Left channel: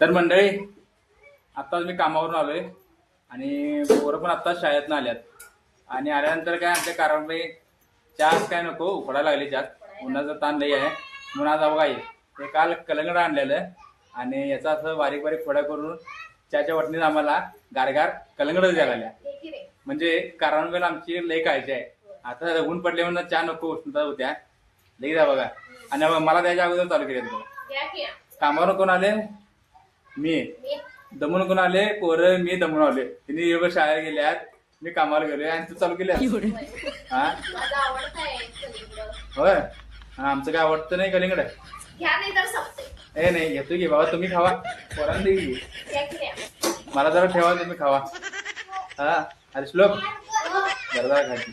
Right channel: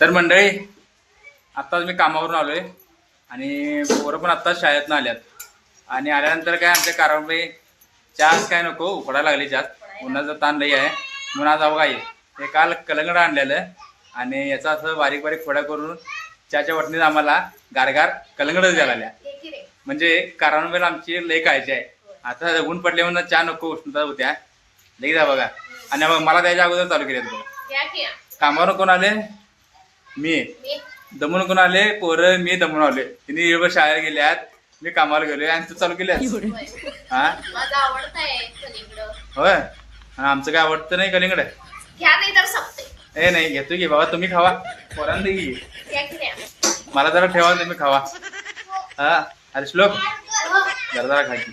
तर मंडळी आत्ताच मी कामावरून आलोय आणि पोरं पण आत्ताच शाळेतनं आल्यात आणि आल्यानंतर काय आमच्या कारंबाई चहाच काय नको उकडायला लागली चहा उन्हाचा ताण लई आहे म्हणून आज अवघा हे काल कलंगड आणलेलं आणि याचा असं बारीक बारीक फोड्या करून चहाच्या वाटणीत आम्हाला गारगार कलंगडच द्यायला आल्या. म्हणजे कारंबाईला आमची लई काळजी आहे. आता ऊन पडले म्हणून चहा नको उष्णता होत्या लई जा बघा. आणि मला त्याच्या अगोदर चालू केले बघा. कामावर कोण आले? मी. दमून कोण आले? पोरं. मी दमून आले. तिने एवढं शाळेत गेल्यात, मी कामाला गेलोय आणि तू चालू केल्या. हा होय. आमचं काय आवडतं नाही कलिंगड. ए नाही घेतो की बाबा, तुम्ही खावा पोरांना दे. मला जरा ठेवा, तुम्ही खावा. हा अरे श्लोक जरा जरा खा की.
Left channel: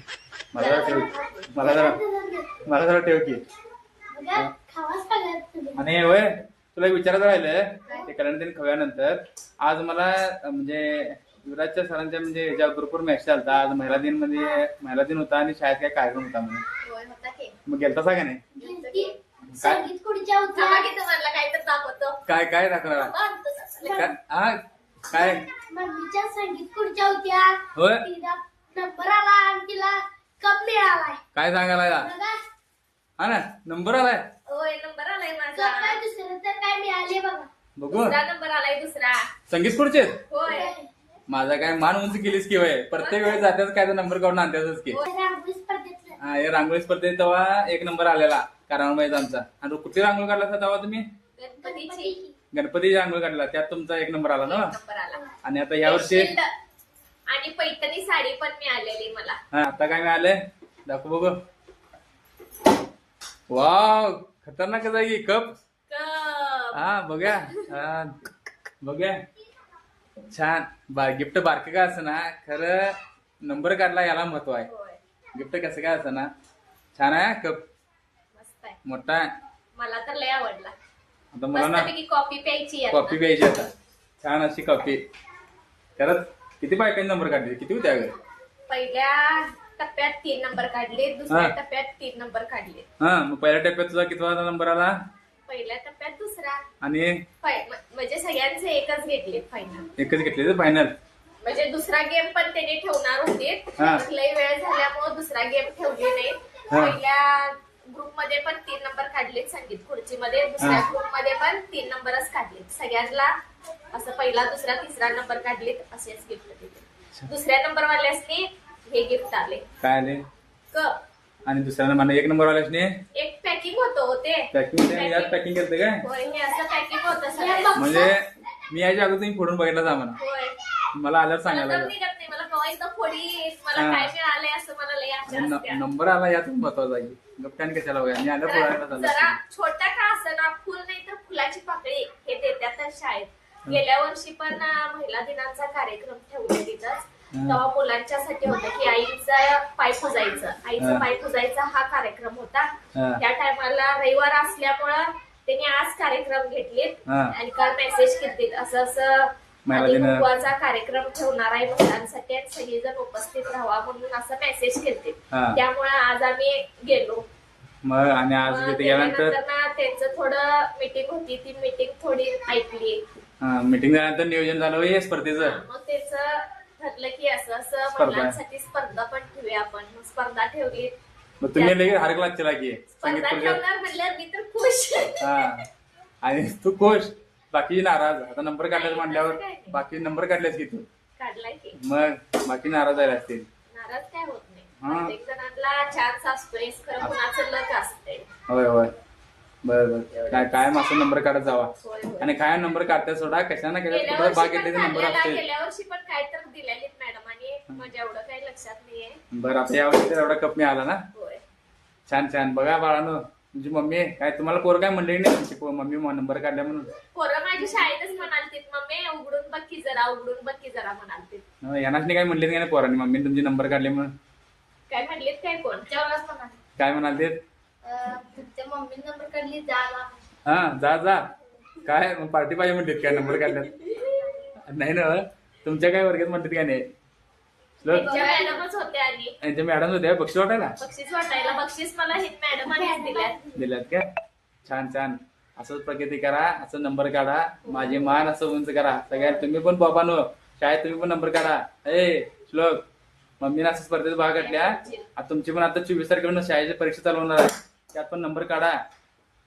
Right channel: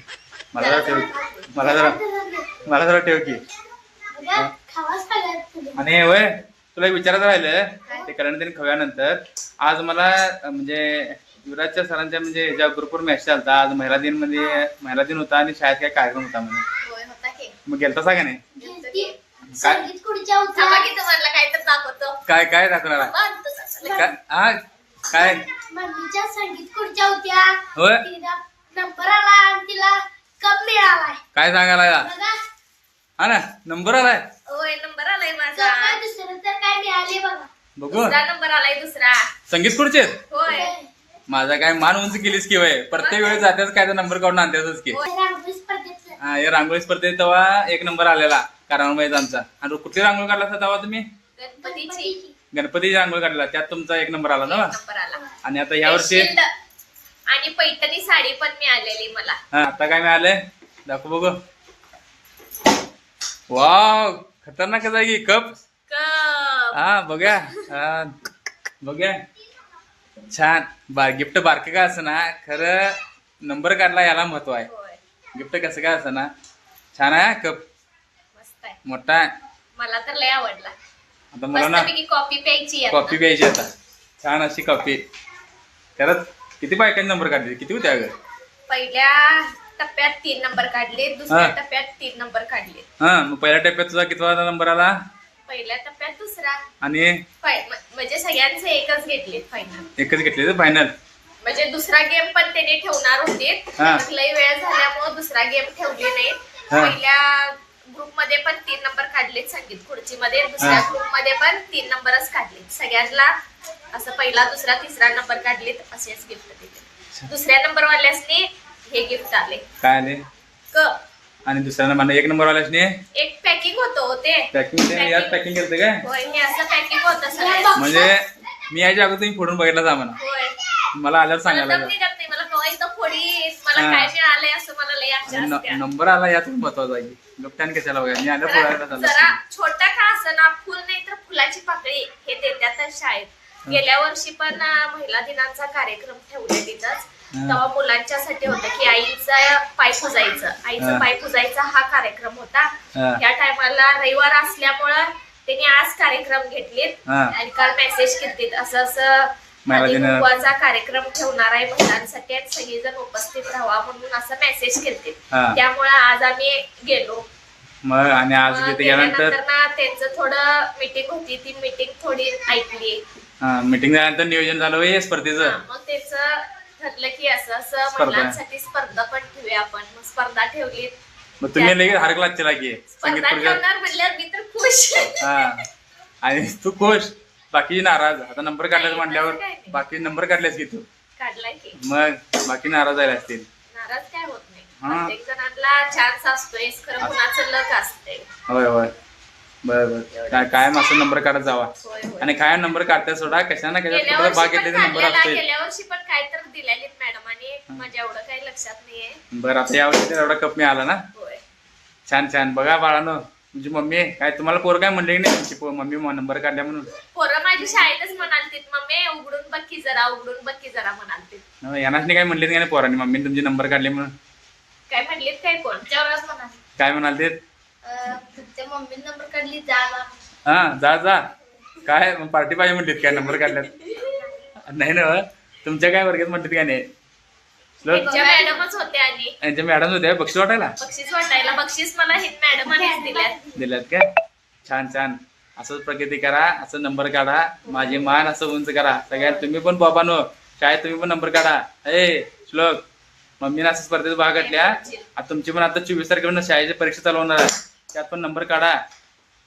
मला जरा ठेव, मला जरा ठेव की. आणि होय तुला विचारायचं राहिलं ते कल्याण दिन खव्यानंतर आज मला म्हणजे युवराजच्या सरांच्या म्हणजे ज्या ग्रुपवर मेसेज आलता आज महिला दिन होता आणि शाळेत काय कार्यक्रम होता म्हणून. मग गेलता का नाही? काय काय दाखवणार? काय मम्मीच्या संगीत खुर्च्या होत्या. होय नंबर आला आणि तिला कप मिळालाय. काय सांगायला? हा ना नंबर आलाय. होय नंबर आलाय माझा. काय दुसरं तर काय मिळाले बघा. बघू दुसरा नंबर आलाय दुसरा. संगीत खुर्चे होय माझा काय मान उंच केलीस की वय प्रत्येक वेळेस जात्याच काय तर नंबर काढून आणत्याच की. रांगोळी स्पर्धेत हा हे रांगोळी स्पर्धेत तेव्हा एक नंबर आलेला कारंबाईचा आमचा. आणि कुठली रांगोळी काढला होता तेव्हा तुम्ही? गणपतीची गणपतीची रांगोळी काढला त्यात तुमचा एक नंबर आला ना. नंबर आला. आणि आता यावर्षी शिल्ड आणि पैठणी साडी पण मिळालेली मला. हा आता काय मिळालंय दाखव बघू. वाव खतरनाक आहे की कप. कप हा बघा. हा बघा छान गिफ्ट बारके काय असं ना खरं नंबर काढला याला महत्व आहे. होय गिफ्ट कसं काय असं ना छान आहे कप मस्त आहे. मोठा आहे. मला तर लय आवडला. आता मला ना मस्तपैकी कॉफी प्यायची आहे कॉफी प्यायची आता छान अशी कॉफी. खरंच किती बायकांनी नंबर काढले? किती होते अगं? पहिल्या टप्प्यात 3 नंबर काढले. दुसऱ्या हा. टप्प्यात 3 नंबर काढले. हा मग पहिल्या टप्प्यात तुझा किती नंबर आला? पहिल्या टप्प्यात दुसरा. आणि म्हणजे सगळ्यांचे एकच घेतले फायनल. एकच घेतले तर फायनल. म्हणजे दुसरा गेम पण त्यांनी ठेवणार होते. हा. लई वेळ झाल्यामुळे दुसरा गेम ठेवले नाही. हा. पहिल्या ग्रुप मध्ये पण 3 नंबर काढलेत संगीत खुर्ची मध्ये. दुसऱ्या हा. ग्रुप मध्ये पण 3 नंबरच काढलेत. सगळ्यांना असं पहिला दुसरा तिसरा नंबर काढलेत असेच गिफ्ट दिले. दुसऱ्या नंबर वाल्यासनी हे गिफ्ट आले काय आले? कप. आणि दुसऱ्याला मला एक नंबर वाल्यासने एक पॅकिंग होतं ते. पॅकिंग यात पॅकिंग केलं काय? होय हे असं पॅकिंग होतं सगळं. म्हणजे मी याच्या अगोदर तुम्ही फोडून बघितला आम्हाला. होय मला आल्यावर मला सांगायला दम निघत नाही. मला कवा एकदा फोडी मला हा. काय मिळालंय असं मला लई आशा असते. नंबर आला यात महत्वाचा आहे. लोकटान कशाला बघा मी आल्या पोळ्याला जरा छोटा का असं फुल नाही तर फुलाची पाकळी हे देतातच शाळेत. गेल्या वर्षी पण महिला दिनाचा कार्यक्रम ठेवले तिथंच. तेव्हा मुलांच्यासाठी होता की आईचा पाय पुजायचं. आईचं पाय पुजायचा हा कार्यक्रम होता. त्या टायमाला रविवार असल्यामुळं त्यांनी आज कार्यक्रम घेतलेत आणि काल मेसेज केलेत असं असं कुंकवाचा कार्यक्रम ठेवणार आहे महिलांसाठी आणि सगळेजण उपस्थित राहावा म्हणून असं मेसेज केलते. त्यामुळे आज आम्ही गेलो. मग आणि आज तिथे गेल्यानंतर ना त्यांचं थोडं मीटिंग होती. ती मीटिंग थोडी ऐकली. मीटिंग झाल्यानंतर नियोजन झालं हे स्पर्धेचं. मग त्याचं ठरलं की असं असं महिलांसाठी स्पर्धा पण ठेवूया आपण. मग स्पर्धा ठेवली. मग तुम्ही लगेच हरकला चला की संगीत स्पर्धा खुर्च्या. ठेवणार म्हणल्यावर मी तर खुश. हा आणि तू खुश बाकी नाराज. आता नंबर काढल्यास म्हणल्यावर बाकी नंबर काढलेस की तू काढलाय की मग बाकी नाराज झाले असतील. नाराज काय होत नाही. प्रत्येक जणांना चान्स असतोय. खरं कुणाचं लक असतंय. होय होय बरोबर. काय कायम असं नंबर काढत जावा. होय होय. आणि काय नंबर काढताय सोडा कशा ना कशा गेल्या कुठं भाग वर्षी पण घेतले नंबर काढलेला. असतोय. गेल्या वर्षी पण काय तर दिलेलीत मॅडमांनी. माझ्या एवढं काही लक्षात नाहीये. बरं आता यावर्षी तर एवढा कप मिळाला ना. होय छान छान. बघा बाळानो तुमची मम्मी काय तुम्हाला पोर काय म्हणले नाही तुमची मम्मी नंबर काढल्या म्हणून? पोरं माझ्या शाळेतच म्हणालतीत मम्मी उघडून बघ जरा उघडून बघ जरा म्हणालतीत. यांनाच काय म्हणलेत का नाही पोरांनी मम्मी तुमची नंबर काढले म्हणून? काय म्हणलीत काय कोण त्यावरच म्हणाले. काय म्हणाले? तुमच्या मम्मी नंबर काढली जाला. हा जा जा काय मग पार्टी पाहिजे म्हणलीत काय नंबर काढल्यात? नाही ना तुमच्या काय वर्गात म्हणतात काय नाही? त्यांच्या मॅडमच होत्या आणि यांच्या मॅडम होत्या बक्षीस वाटायला. बक्षीस वाटायला. बक्षीस मला हे मॅडमांनीच दिल्यात. दिल्यात काय? छान छान. असंच प्रगती करा, असं नंबर काढा, माझी मान असं उंच करा. सगळ्यात तुम्ही पण बाबांनो शाळेत तुम्ही पण नंबर काढा. श्लोक मम्मीने असं स्पर्धेत भाग घेतल्या. आता तुमची पण आता 24 तारखेला शाळेची परीक्षा चालू होणार आहे, त्यात पण नंबर काढा.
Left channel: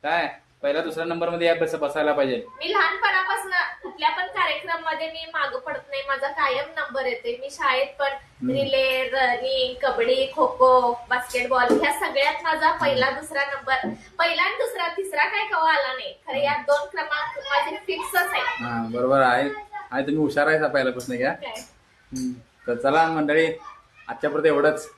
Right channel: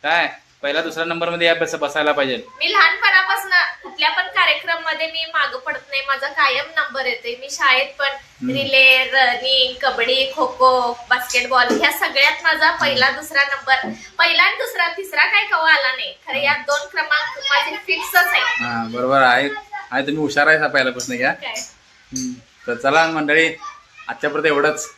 काय पहिला दुसरा नंबर मध्ये या बसायला पाहिजे. मी लहानपणापासून कुठल्या पण कार्यक्रम मध्ये मी मागं पडत नाही, माझा कायम नंबर येते. मी शाळेत पण relay, running, kabaddi, kho kho, basketball ह्या सगळ्यात माझा पहिला दुसरा नंबर, पहिला आणि दुसरा तिसरा काय कवा आला नाही. खरं या 2 क्रमांक माझे फिक्सच आहे. हा बरोबर आहे. तुम्ही हुशार आहे पहिल्यापासून घ्या. काय तर चला मंडळी, आजच्यापर्यंत एवढंच.